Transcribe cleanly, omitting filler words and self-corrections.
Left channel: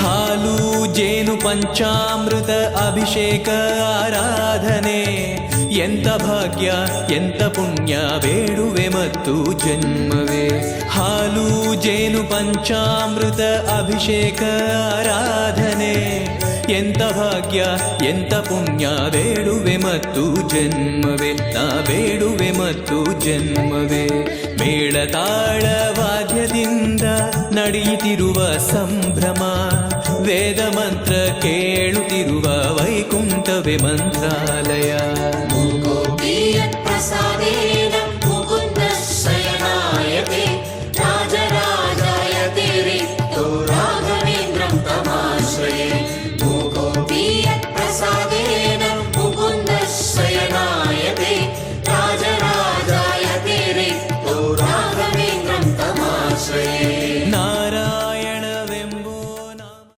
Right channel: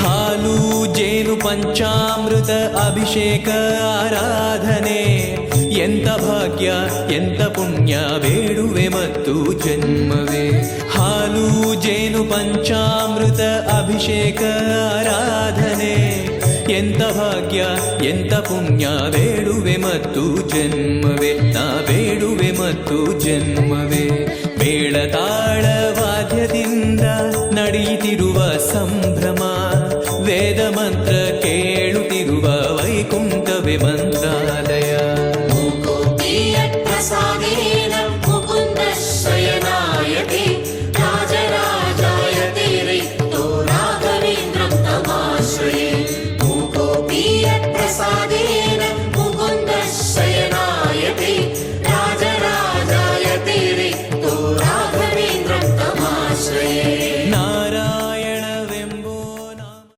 ಹಾಲು ಜೇನು ಪಂಚಾಮೃತ ಅಭಿಷೇಕ ಆರಾಧನೆ ಎಂತ ಭಾಗ್ಯ ಎಂತ ಪುಣ್ಯ ಬೇಡುವೆ ಮತ್ತು ಜನ್ಮವೇ. ಹಾಲು ಜೇನು ಪಂಚಾಮೃತ ಅಭಿಷೇಕ ಆರಾಧನೆ ಎಂತ ಭಾಗ್ಯ ಎಂತ ಪುಣ್ಯ ಬೇಡುವೆ ಮತ್ತು ಜನ್ಮವೇ. ನಾ ಬೇಡುವೆ ಮತ್ತು ಜನ್ಮವೇ. ಮೇಳತಾಳ ವಾದ್ಯದಿಂದ ನಡೆಯುತ್ತಿರುವ ಸಂಭ್ರಮ, ವೇದ ಮಂತ್ರ ಕೇಳುತ್ತಿರುವ ವೈಕುಂಠವೇ ಮಂತ್ರಾಲಯ.